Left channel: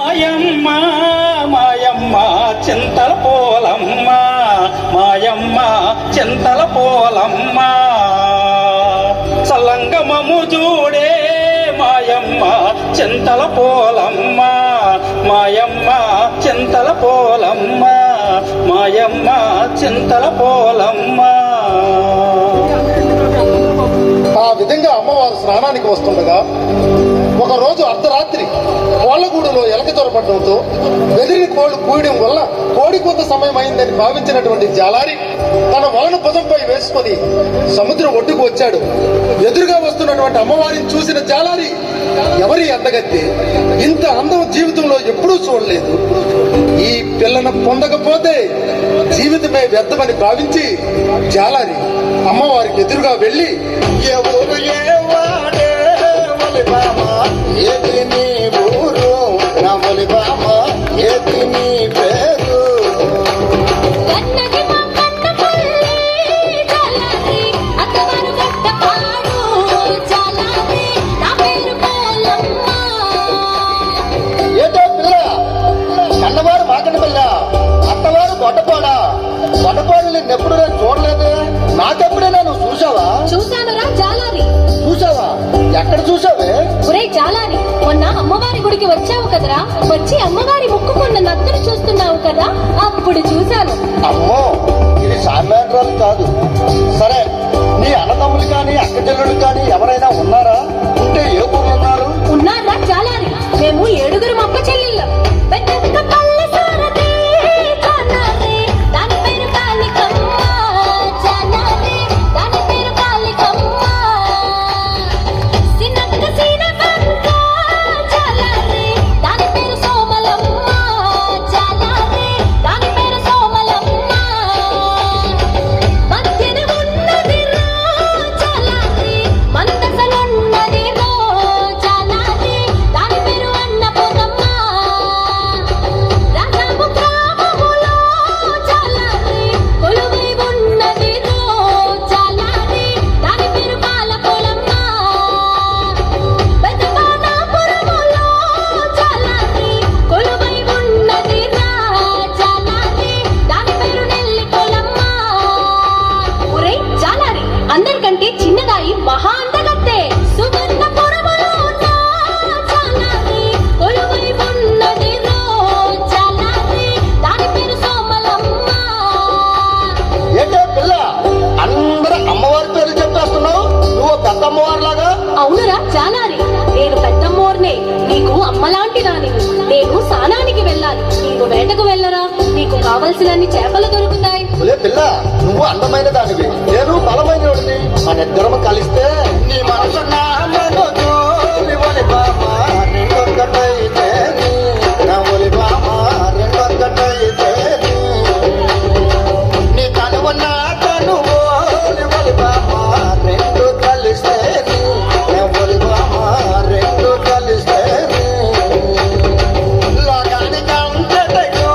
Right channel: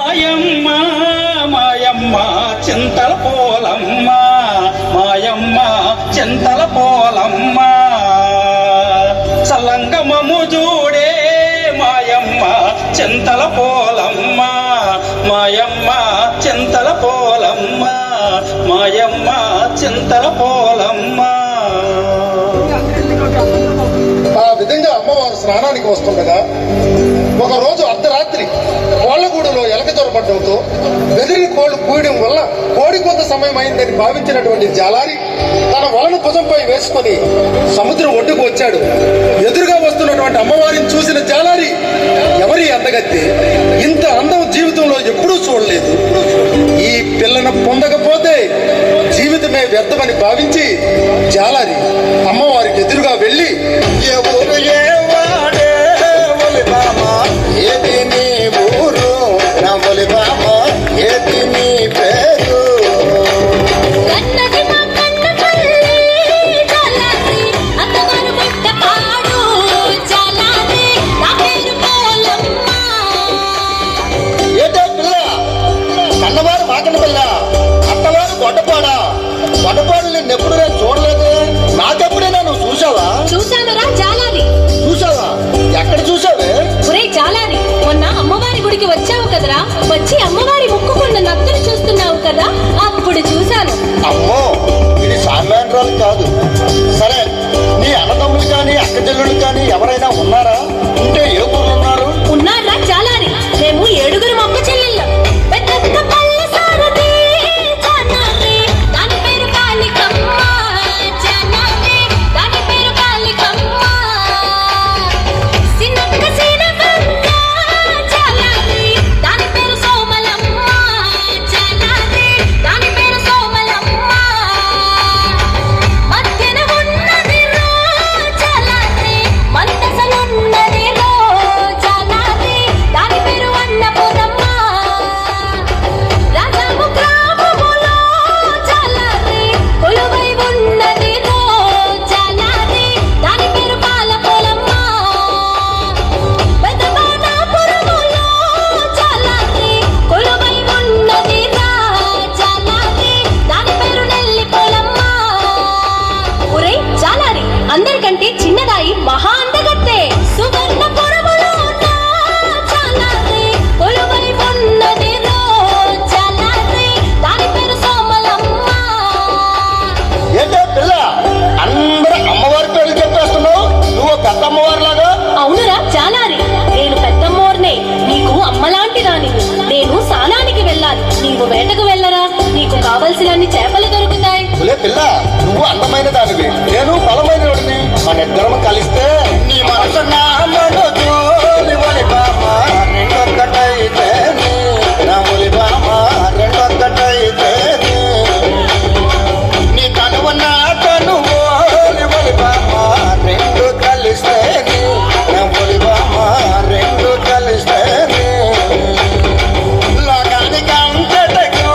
మాయమ్మ మాయమ్మ చింతల పోలమ్మ మాయమ్మ చింతల పోలమ్మ సల్లంగమము చూడే మాయమ్మ చింతల పోలమ్మ మాయమ్మ చింతల పోలమ్మ మాయమ్మ చింతల పోలమ్మ. ఆ విధంగా అమ్మవారు స్నానానికి వస్తుండగా ఒకరోజు అర్ధరాత్రి కోళ్లగూడులో ఎలక దొరపడడంతో బెదిరిన కోళ్లు కూయడం వల్ల కోడి కొంత సమయం అయిందని భావించినటువంటి జాలారి తన వలను భుజంపై వేసుకుని సముద్రం ఒడ్డుకు వచ్చాడు. ఎదురుగా వస్తున్నటువంటి అమ్మవారిని చూసిన జాలారి, ఎవరి అందగత్తి, ఇంత అందం జీవితంలో ఎప్పుడూ చూడలేదు, ఈ పిల్లను పొందకపోతే జీవితమే వ్యర్థమని భావించి జాలారి అమ్మవారికి ఎదురుగా వెళ్ళి, ఎవరు ఏవాడే ఒలిబామా ఏది నీ ఊరు నా ఒలిబామా ఏది నీ పేరు ఏదో పిల్ల అన్నవారు మాకన పిల్ల అత్తవారు గొడ్డపాడా గొడ్డపాడు నిన్నెప్పుడు నేను చూడలేదు. నాకెప్పుడైనా నువ్వు చూసావా? చూశానురా జాలారి. చూసావా? ఎక్కడ చూసావే? ఒరే జాలారి, మొన్న అమ్మవారి గుడికి వచ్చావు కదరా, వచ్చి అమ్మవారి ముక్కుకున్న నత్తులు చూస్తున్నావు కదా, అప్పుడు చూశాను. అమ్మో, ఇది సామాన్యురాలు కాదు. సరే, నీ అన్నదమ్ములు కానీ అక్కచెల్లుడు కానీ ఎవరైనా ఉన్నారా? ఉంటే ఏ ఊరు ఉన్నారు? ఉన్నారా జాలారి, మేము 7 అక్క చెల్లెళ్ళం. పెద్ద పల్లె సారథి జాలారి, దాని పేరు కాళికమ్మ. జాలారి, దాని పేరు కాళికమ్మ. సిన్నక్క సీనమ్మ జాలారి, దాని పేరు సోమలమ్మ. జాలారి, దాని పేరు సోమలమ్మ. మధ్యన ఉన్నదిరో జాలారి, మందసలున్నదిరో జాలారి, దాని పేరు అన్నపూర్ణమ్మ. రాజాము గ్రామములో జాలారి, కొలువై ఉన్నదిరో జాలారి, దాని పేరు పాలపూలమ్మ. పెదబాలాపురములో జాలారి, కొలువై ఉన్నదిరా జాలారి, దాని పేరు నెల్లిపోలమ్మ. ఒరే జాలారి, అందరికంటే చిన్నదాయి మహా అందగత్తే. సువర్ణపురములో ఉన్న జాలారి, కొలువై ఉన్నదిరో జాలారి, దాని పేరు సోమలమ్మ. ఏంటో పిల్ల, అందరూ అమ్మవారి పేర్లు చెప్పేస్తున్నావు. నువ్వు పెద్ద అమ్మవారిలాగా. అవునురా జాలారి, నేను పెద్దమ్మోర్నే, నీకు అమ్మలాంటి దానివి. నేను స్నానానికి వెళ్ళాలి, నీవు వేటకు వెళ్ళరా, నీకు కావలసినన్ని చేపలు దొరుకుతాయి. ఒలే పిల్ల, నువ్వు అందమైన దానివి, నేను బలమైన వాడిని. మన ఇద్దరం కలిస్తే నీ మనసు నా మనసు నీ ఒలిబామా రెండొక్కటైతేనే, నా ఒలిబామా రెండొక్కటైతేనే. నీ కనువు నా కనువు నీ ఒలిబామా రెండు కలిస్తేనే, నా ఒలిబామా రెండు కలిస్తేనే. లోకానికి అంతటకు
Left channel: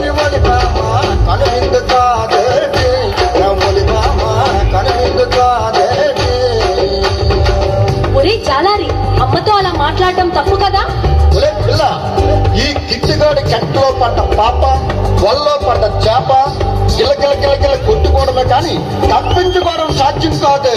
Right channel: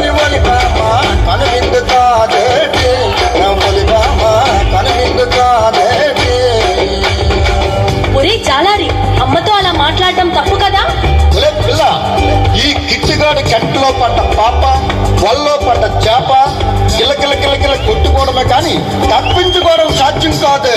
నీ ఒలిబామా కనువిందు కాదేటి, నా ఒలిబామా కనువిందు కాదేటి. ఒరే జాలారి, అమ్మతో అలా మాట్లాడటం తప్పు కదా. ఒలే పిల్ల, ఈ కిట్టుగాడి కంటిలో పడ్డ పాప, వల్లో పడ్డ చేప కిలకిల కిలకిల కొట్టుకోవడమే కానీ తప్పించుకోవడం సాధ్యం కాదు.